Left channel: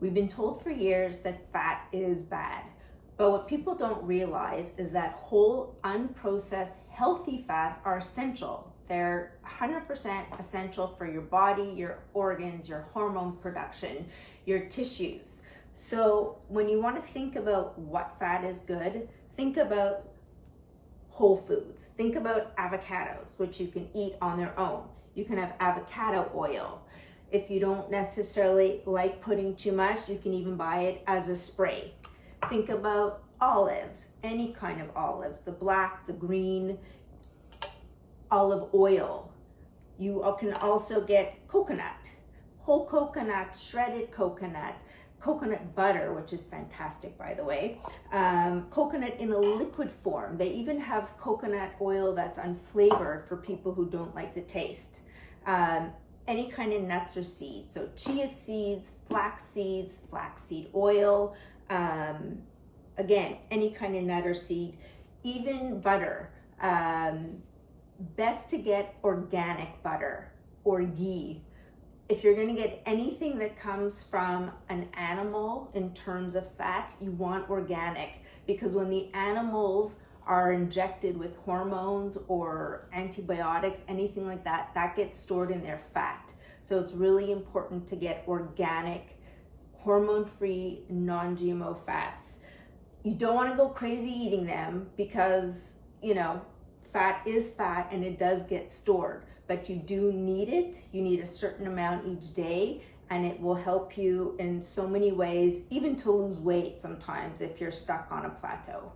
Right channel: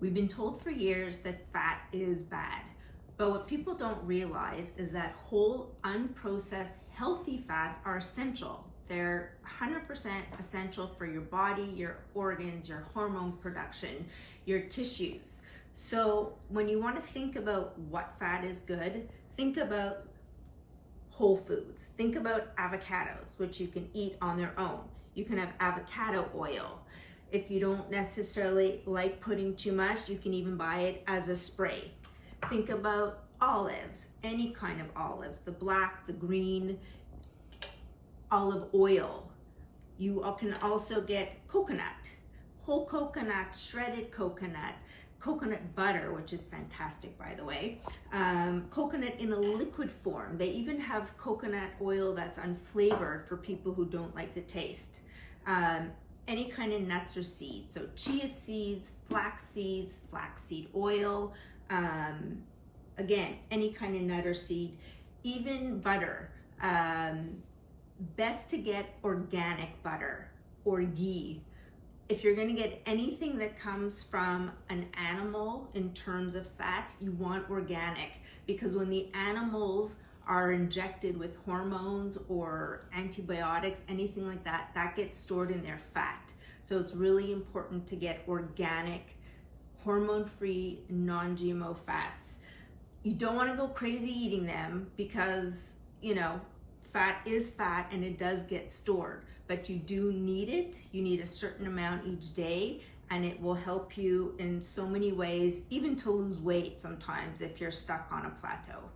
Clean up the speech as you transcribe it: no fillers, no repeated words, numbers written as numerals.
We've been told for years that fat is bad, but what people don't realize is that whole, unprocessed, healthy fats are essential. They're 100% essential for your body, your organs, your hormone production, your tissues. So when you want to think about what fat is good, think about whole foods. Think about avocados, which you can eat on their own. You can have avocado oil. If you don't necessarily like putting too much, you can even buy it as a spray. Think about olives, any kind of olives, the black, the green, olive oil. You can also get coconut, whole coconut, shredded coconut, coconut butter, which is fantastic, by the way, coconut in a liquid form. They even have coconut oil that's unflavored for people who don't like the taste. Any kind of nuts or seeds, so chia seeds, flaxseed oil, again, any kind of nut or seed, even butter. Best to get organic butter or ghee. If you're going to get anything that comes from an animal in terms of fat, you want organic, because when the animals are injected with hormones or antibiotics, anything like that, that gets stored in their fat. So it's really important to get organic, hormone-free, non-GMO fats. You don't want to go crazy eating them because, you know, fat is fat and it does get stored, but you do need it. You need a certain amount each day, and it will help you in so many ways, even to lose weight sometimes if you're stuck on a plateau.